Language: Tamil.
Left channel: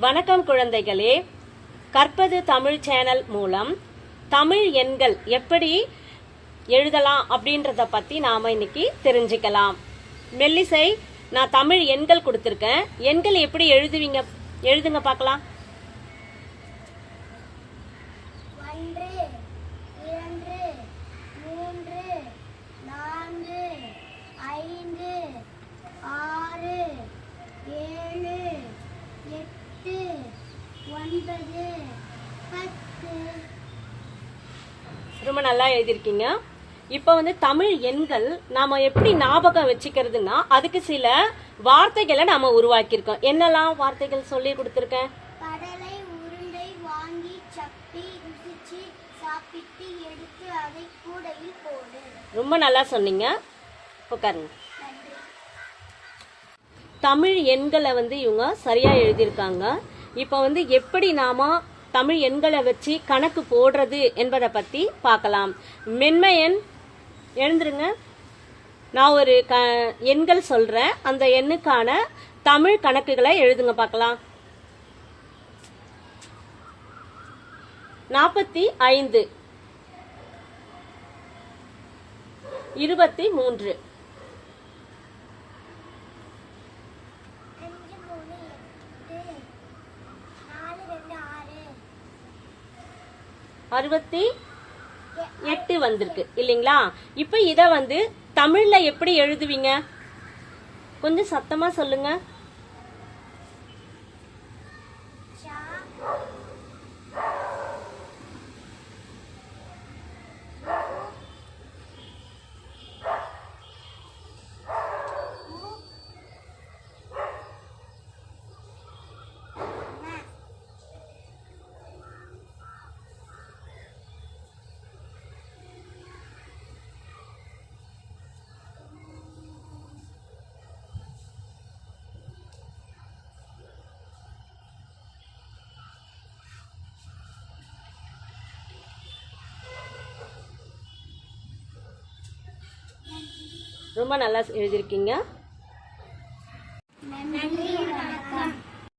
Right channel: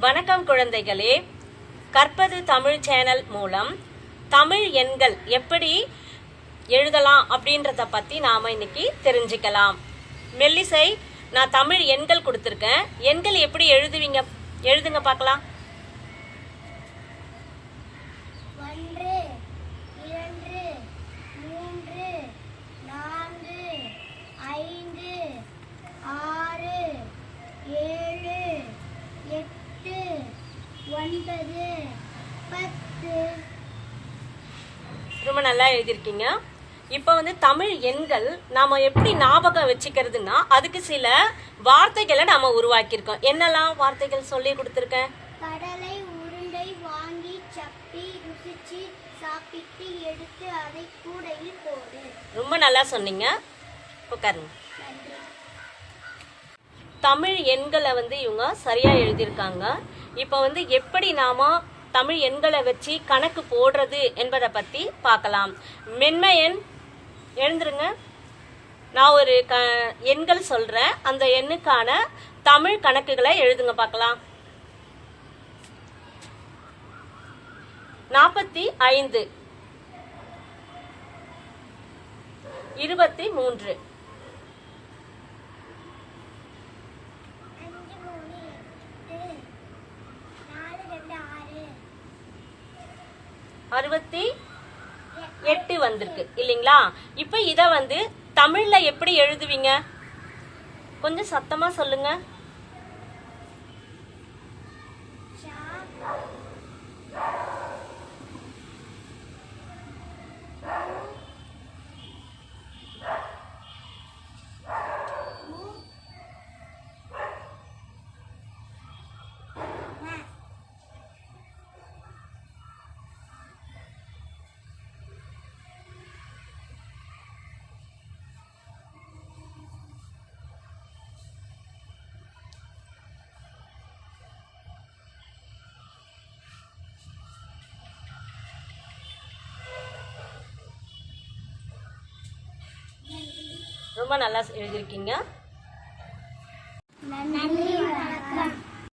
வணக்கம் குழந்தைகளே. கற்பது தமிழ் சேனல் மூலம் தமிழ் எண்கள் எப்படி எழுதலாம் அப்படின்றத பத்தி நாம இன்னைக்கு தெரிஞ்சுக்கலாம். மெல்லிசை நான் தமிழ் எண்கள் கொடுத்துருக்கேன். எண்கள் எப்படி எழுதுவீங்க? எழுதுங்க பார்க்கலாம். ஐந்து ஆறு ஏழு எட்டு ஒன்பது பத்து. ரொம்ப நல்லா எழுதியிருக்கீங்க. இப்போ வந்து தமிழ் எண்கள் நாம எப்படி ஞாபகம் வச்சுக்கிறதுனா அதுக்கு சில வார்த்தைகளை நாம உருவாக்கியிருக்கோம். என்னெல்லாம் வார்த்தைகள் சொல்லி கொடுத்துருக்கேன்? கடலை உருண்டை வாங்கி சப்பி ருசிச்சு சாப்பிட்டு எடுத்து அதை கூடையில் போடு. ரொம்ப நல்லா சொன்னீங்க. உட்காருங்க. தமிழ் எண்களை வந்து இவங்க சரியா எழுதியிருக்காங்க. இப்போ வந்து எப்படி நாம தமிழ் எண்களை வச்சு கணக்கு போடுறது என்பதை பத்தி பார்க்கலாம். மென்மை எண் எழுந்துருங்க. நான் ஒரு க எண்கள் சொல்றேன். அந்த எண்ணுக்கான தமிழ் கணக்குகளை எழுதுங்க பார்க்கலாம். நாற்பத்தி ஐந்து. இருபத்தி மூன்று. அறுபத்தி எட்டு வந்திருக்கு இல்லைங்களா? இப்ப இத வந்து தமிழ்ல எப்படி எழுதுவீங்க? கொஞ்சம் சத்தமா சொல்லுங்க. ரொம்ப நல்லா எழுதியிருக்கீங்க. நன்றி வணக்கம்.